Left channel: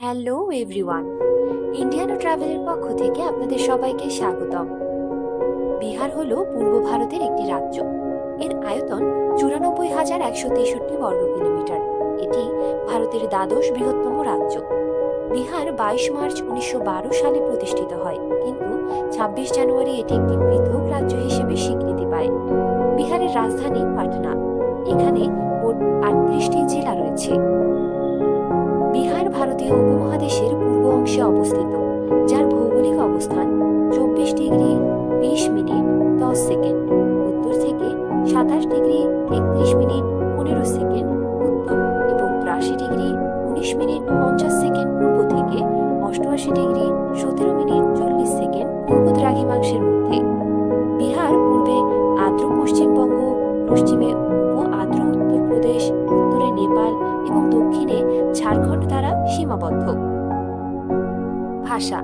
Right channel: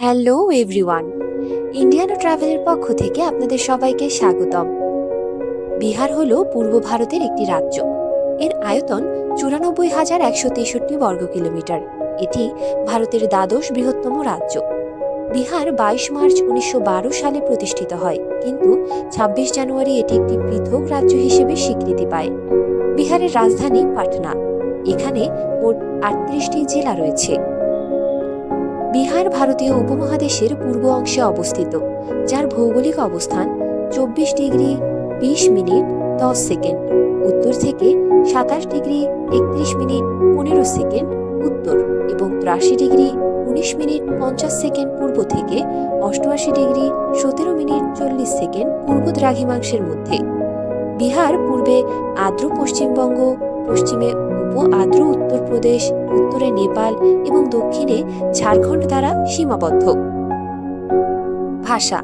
Hello everyone, ইন্ডিয়ানো ট্রাভেলের পক্ষ থেকে আপনাদের সবাইকে স্বাগতম। বিহার হল পূর্ব ভারতের একটি রাজ্য। এর আয়তন চুরানব্বই হাজার একশো তেষট্টি বর্গ কিলোমিটার। এটি ভারতের দ্বাদশ বৃহত্তম রাজ্য। বিহার বাইশ মার্চ উনিশশো বারো সালে প্রতিষ্ঠিত হয়, কিন্তু ছাব্বিশ জানুয়ারি এটি একটি পৃথক রাজ্য হিসেবে স্বীকৃতি পায়। বিহারের রাজধানী পাটনা। এখানে মোট আটত্রিশটি জেলা রয়েছে। বিহার ভারতীয় উপমহাদেশের পূর্ব অংশে অবস্থিত, যার ভৌগোলিক অবস্থান চব্বিশ ডিগ্রি বিশ মিনিট দশ সেকেন্ড, উত্তর থেকে সাতাশ ডিগ্রি একত্রিশ মিনিট পনেরো সেকেন্ড, উত্তর এবং ত্রাশি ডিগ্রি উনিশ মিনিট পঞ্চাশ সেকেন্ড পূর্ব থেকে অষ্টআশি ডিগ্রি সতেরো মিনিট চল্লিশ সেকেন্ড পূর্ব দ্রাঘিমাংশের মধ্যে। বিহার পূর্বে আর্দ্র পশ্চিমবঙ্গ, পশ্চিমে উপ আর্দ্র উত্তরপ্রদেশ উত্তরে নেপাল এবং দক্ষিণে ঝাড়খণ্ড দ্বারা সীমাবদ্ধ। ভাষা।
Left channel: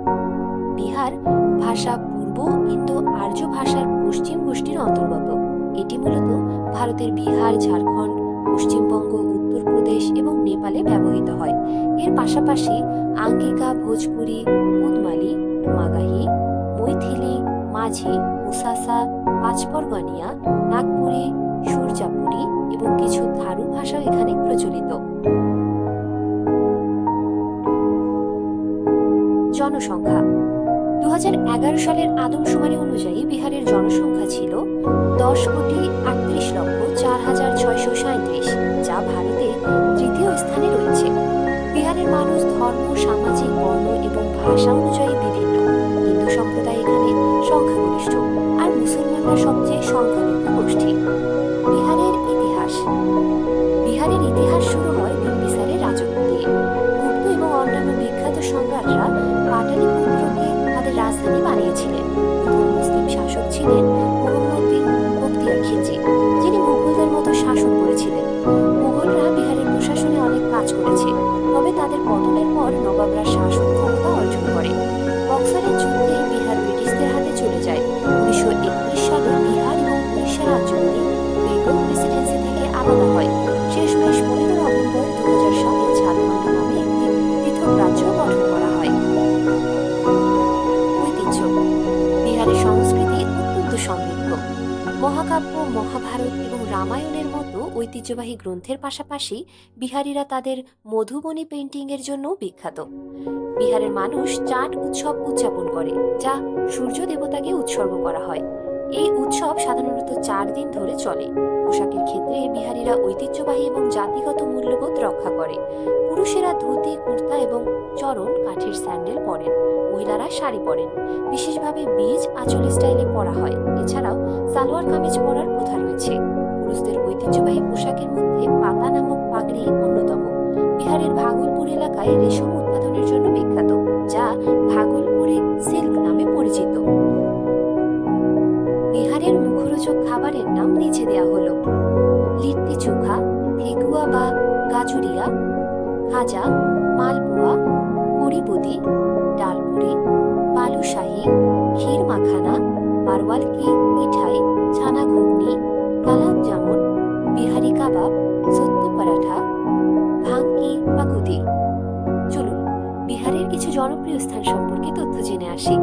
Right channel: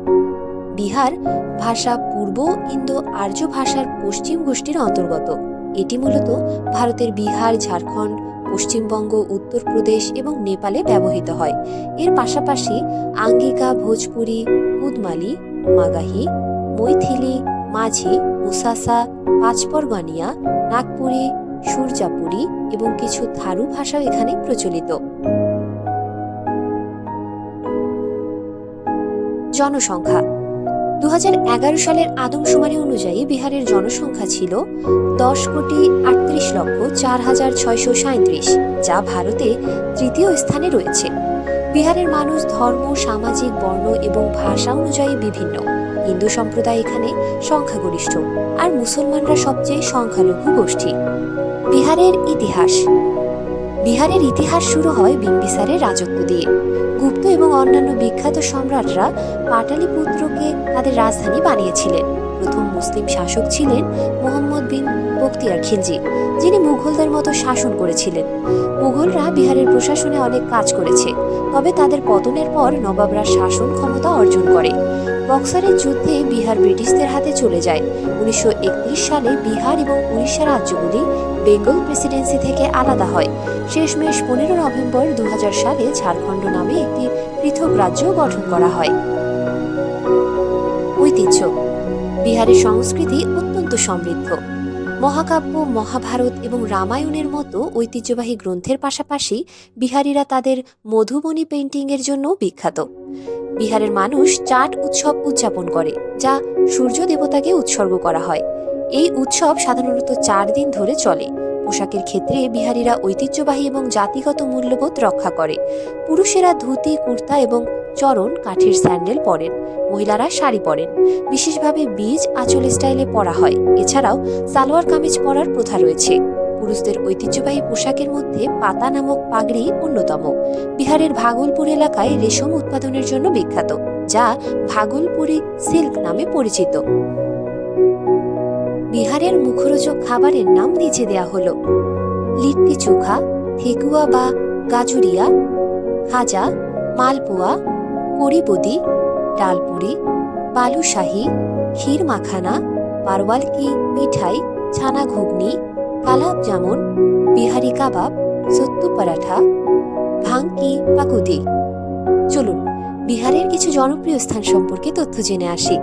বিহার ভাষা পূর্ব ইন্দো আর্য ভাষার পশ্চিম গোষ্ঠীর অন্তর্গত। এটি মূলত ভারতের বিহার, ঝাড়খণ্ড, পশ্চিমবঙ্গ, উত্তরপ্রদেশ এবং নেপালে ব্যবহৃত হয়। এর পাশাপাশি আঙ্গিকা, ভোজপুরি, কুদমালি, মাগাহি, মৈথিলি, মাঝি মুসাসা পাঁচপরগনিয়া, নাগপুরি সূর্যাপুরি এবং কিছু থারু ভাষাও এখানে প্রচলিত। জনসংখ্যা। দু সালের আদমশুমারি অনুযায়ী বিহারের জনসংখ্যা ছিল দশ কোটি আটত্রিশ লক্ষ চার হাজার ছয়শো সাঁত্রিশ যা ভারতে তৃতীয় স্থানে রয়েছে। বিহারের মানুষ ধর্ম, সামাজিক বর্ণ এবং ভাষা অনুযায়ী বিভিন্ন। হিন্দু সম্প্রদায় এখানে সংখ্যাগরিষ্ঠ। আর মুসলমানরা সবচেয়ে সংখ্যালঘু গোষ্ঠী। বিহারের ইতিহাস। বিহারের ইতিহাস শুরু হয় বিম্বিসারের রাজত্ব দিয়ে। গুপ্ত এবং অন্যান্য বিখ্যাত সম্রাটরা পাটালিপুত্রকে তাদের রাজধানী বানিয়েছিলেন। প্রথম মুসলিম শাসক ছিলেন মোহাম্মদ বিন বখতিয়ার খিলজি, যিনি মুঘলদের মতো শাসন করেছিলেন। মুঘলরা বিহারের প্রশাসনে অনেক কাজ করেছে, তবে তাদের পতনের পর নবাবরা শাসন ক্ষমতা অর্জন করে। বক্সারের যুদ্ধে বিহার ব্রিটিশদের হাতে চলে যায়। উনিশশো সালে বিহার এবং উড়িষ্যা রাজ্যগুলি বেঙ্গল প্রেসিডেন্সি থেকে আলাদা হয়। শেষমেশ পনেরো নভেম্বর দু হাজার সালে ঝাড়খণ্ড নামে একটি পৃথক রাজ্য গঠন করা হয়। ঐতিহ্য। বিহারের সংস্কৃতি অত্যন্ত সমৃদ্ধ। মহাকাব্য, মহাভারত এবং রামায়ণের মতো ঐতিহ্যবাহী গ্রন্থের পাশাপাশি বিহারিরা তাদের মধুবনী পেইন্টিংয়ের জন্য বিখ্যাত। বিহারের মানুষ চাট উৎসব উদযাপন করে, যা সূর্য দেবতাকে উৎসর্গ করা হয়। এই উৎসব সাধারণত চার দিন ধরে চলে। পোশাকের ক্ষেত্রে বিহারিরা ঐতিহ্যবাহী এবং জাতিগত মূল্যবোধ রক্ষা করে। পুরুষেরা ধুতি, কুর্তা এবং চরণ, কাঠের স্যান্ডেল পরেন। মহিলারা শাড়ি পরেন। বিশেষভাবে বীজ, আঁচল স্টাইলে পরা হয়। এছাড়াও সালোয়ার কামিজ পরার প্রথা রয়েছে। পুরুষদের ঐতিহ্যবাহী পোশাকের মধ্যে পাতা নামক পাগড়ি অন্যতম। বিহারের ভাগলপুর এলাকায় রেশম উৎপাদনের জন্য বিখ্যাত, যা ভাগলপুরি সিল্ক নামে পরিচিত। বিহারের মুখরোচক খাবারের নাম নিচে দেয়া হলো। লিট্টি চোখা ঠেকুয়া বা গাজুরিয়া, খাজা, মালপোয়া, কড়িবদি ডালপুরি, বালুশাহী ক্ষীর মাখানা পারওয়ালকি, মিঠাই ছানা ঘুগনি কালাব জামুন, বিহারি কাবাব, সত্তু পরাঠা ভাঙ্কি পাকুদি চলুন, বিহারের কিছু জনপ্রিয় স্থান সম্পর্কে তথ্য জেনে আসি।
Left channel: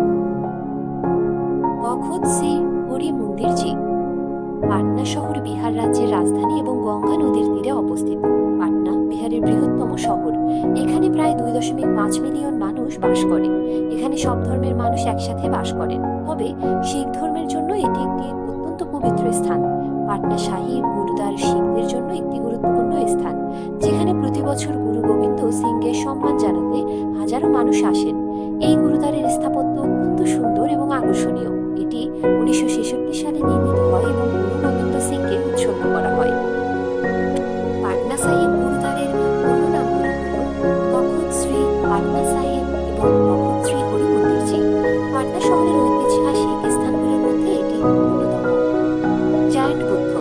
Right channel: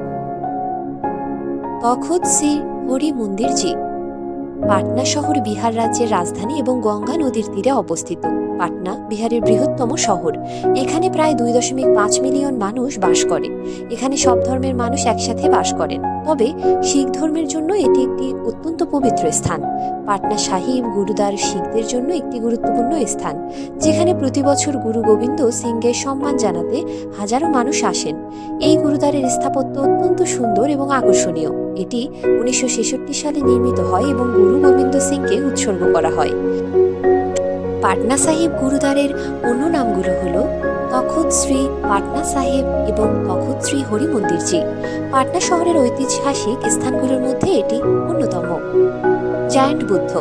তখত শ্রী হরি মন্দির জি পাটনা শহর বিহার রাজ্যের রাজধানী এবং গঙ্গা নদীর তীরে অবস্থিত। পাটনা, বিহারের বৃহত্তম শহর। এখানে প্রায় দুই দশমিক পাঁচ মিলিয়ন মানুষ বাস করে। এখানে সব ধর্মের মানুষ একসাথে বাস করেন। তবে শিখ ধর্মের জন্য এটি একটি অত্যন্ত পবিত্র স্থান। পাটনা সাহিব, গুরুদ্বার শিখদের জন্য একটি গুরুত্বপূর্ণ স্থান, যেখানে প্রতি বছর গুরু গোবিন্দ সিংহের সম্মান জানাতে হাজারো মানুষ আসেন। এই গুরুদ্বারের স্থাপত্য অত্যন্ত সুন্দর এবং আকর্ষণীয়। এটি উনিশশো ছেষট্টি সালে নির্মিত হয় এবং গুরু গোবিন্দ সিংকে উৎসর্গ করা হয়। পাটনা সাহেব গুরুদ্বারের অন্য নামগুলো হল তখত শ্রী পাটনা সাহেব এবং তখত শ্রী হরি মন্দিরজি পাটনা শহরের ঐতিহাসিক স্থানগুলোর মধ্যে এটি অন্যতম। জায়ান্ট বুদ্ধ।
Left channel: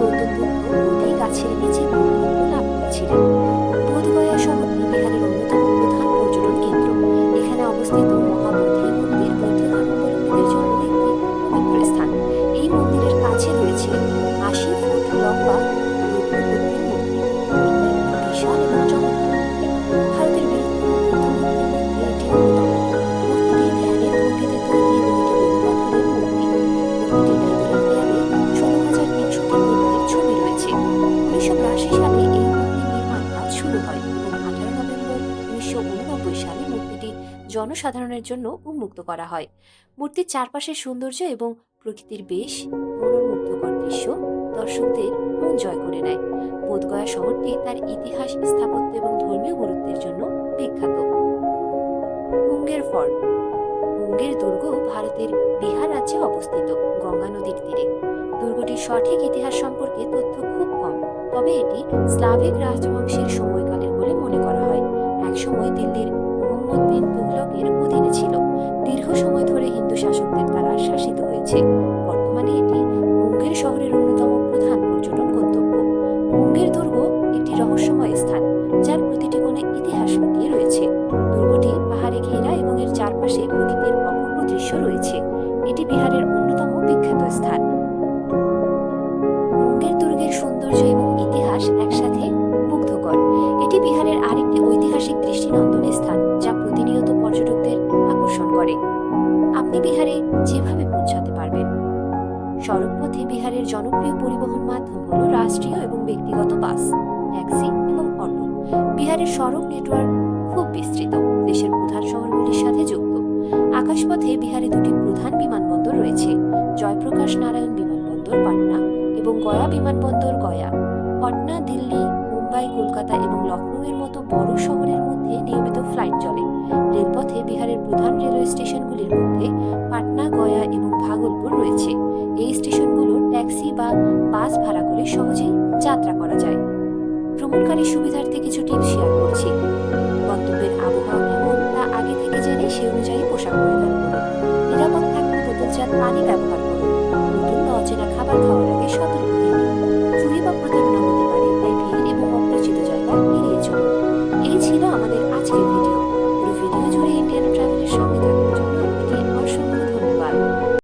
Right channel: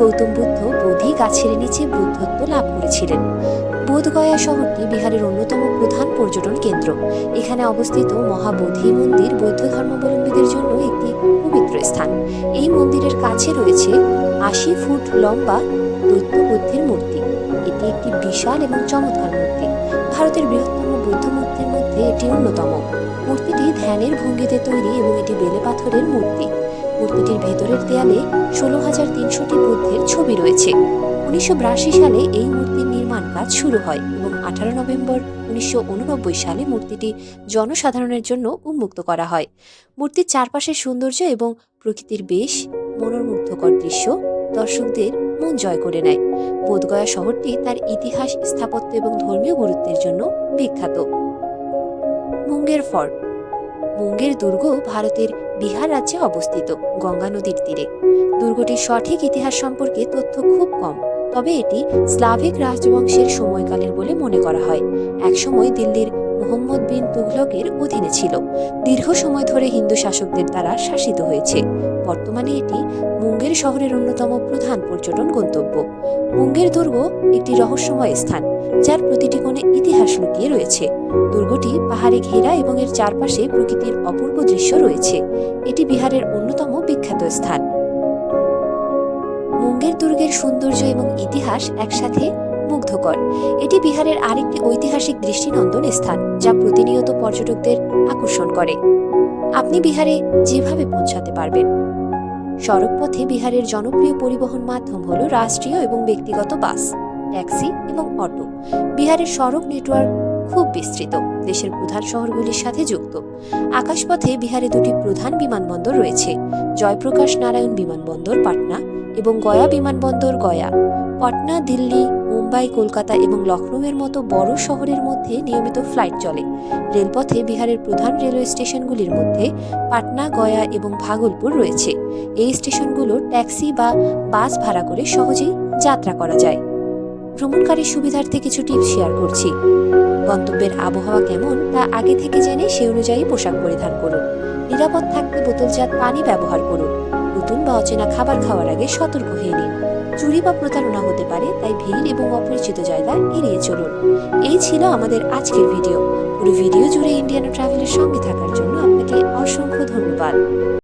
গৌতম বুদ্ধ বোধি গাছের নিচে বুদ্ধত্ব লাভ করেছিলেন। বোধগয়া শহরটি বিহারের অন্যতম প্রধান পর্যটন কেন্দ্র। এখানে অবস্থিত মহাবোধি মন্দির বৌদ্ধ ধর্মাবলম্বীদের জন্য একটি পবিত্র স্থান। এই মন্দিরের কাছে রয়েছে আশি ফুট লম্বা দৈত্য বুদ্ধির মূর্তি। এটি একটি বিশাল এবং চমৎকার মূর্তি। ভারতের বৃহত্তম বৌদ্ধ মূর্তির মধ্যে এটি অন্যতম। মূর্তিটি ধ্যানের ভঙ্গিতে তৈরি এবং এটি বেলে পাথরের মূর্তি। মূর্তিটির ভেতরের দেয়ালে ষোলো হাজার তিনশোটি বুদ্ধের ছবি রয়েছে। উনিশশো বিরাশি সালে এই মূর্তির নির্মাণ কাজ শুরু হয় এবং আঠারো নভেম্বর উনিশশো উননব্বই সালে মূর্তিটি জনসাধারণের জন্য উন্মুক্ত করা হয়। মূর্তির চারপাশের সৌন্দর্য এবং প্রকৃতির বেশ মনোমুগ্ধকর দৃশ্য দর্শকদের মন জয় করে নেয়। বোধগয়া শহরটি তার ইতিহাস, স্থাপত্য এবং ধর্মীয় গুরুত্বের জন্য বিখ্যাত। মুঙ্গের ফর্ট। মুঙ্গের দুর্গ ভারতের বিহার রাজ্যে অবস্থিত, গঙ্গা নদীর তীরে। দুর্গটির সঠিক ইতিহাস সম্পর্কে তথ্য খুব কম, তবে এটি স্লাভিক রাজবংশের সময়কালের বলে মনে করা হয়। একসময় দিল্লির মোহাম্মদ বিন তুঘলকের অধীনে ছিল। দীর্ঘ সময় ধরে হিন্দু শাসকদের দ্বারা শাসিত হয়েছে। বর্তমানে এটি মুঙ্গের শহরের অন্যতম প্রধান পর্যটন গন্তব্য। মুঙ্গের দুর্গ একটি রহস্যময় স্থান, যার প্রতিটি কোণে ইতিহাস লুকিয়ে রয়েছে। দুর্গটি পাহাড়ে ঘেরা এবং এর চারপাশে প্রকৃতির অপূর্ব দৃশ্য রয়েছে। এটি বিহারের অন্যতম বিখ্যাত স্থান। মুঙ্গের দুর্গের সৌন্দর্য এবং ইতিহাস একসাথে মুগ্ধকর। এটি বিহারের আরেকটি ঐতিহাসিক দৃষ্টিনন্দন স্থান, যা প্রতিনিয়ত পর্যটকদের আকর্ষণ করে। আপনি বিহারে যেভাবে পৌঁছাতে পারবেন। সড়কপথে বিহারের জনপ্রিয় পরিবহন মাধ্যম হল রাষ্ট্রীয় এবং ব্যক্তিগত বাস। ট্যাক্সি এবং অটো। বিহারের সড়ক নেটওয়ার্ক খুব বিস্তৃত, দেশের প্রধান শহরগুলির সাথে যুক্ত। আকাশপথে বিহারে দুটি প্রধান বিমানবন্দর রয়েছে, জয়প্রকাশ নারায়ণ বিমানবন্দর, পাটনা এবং গয়া বিমানবন্দর গয়া। পাটনা, দিল্লি, মুম্বাই, কলকাতা এবং লখনৌয়ের মতো বড় শহরের মধ্যে নিয়মিত ফ্লাইট চলে। রেলপথে বিহারের প্রধান রেলওয়ে স্টেশনগুলির মধ্যে পাটনা, গয়া এবং ভাগলপুর রয়েছে। এই স্টেশনগুলো ট্যাক্সি বা বাস ভাড়া করে সহজেই যাত্রা করা যায়। ভ্রমণকারীর সুবিধার্থে কিছু টিপস শেয়ার করছি। গন্তব্যের আবহাওয়া কেমন তা আগে থেকে জেনে সে অনুযায়ী পোশাক পরিধান করুন। নিরাপদ থাকতে বোতলজাত পানি ব্যবহার করুন। নতুন বা অচেনা খাবার খাওয়ার আগে সতর্ক হয়ে নিন। চুরি বা প্রতারণা হতে পারে, তাই ভিড় এবং অপরিচিত জায়গা এড়িয়ে চলুন। এই ছিল আমাদের আজকের ভিডিও। পুরো ভিডিও জুড়ে ইন্ডিয়ান ট্রাভেলের সঙ্গে থাকার জন্য আপনাকে অসংখ্য ধন্যবাদ।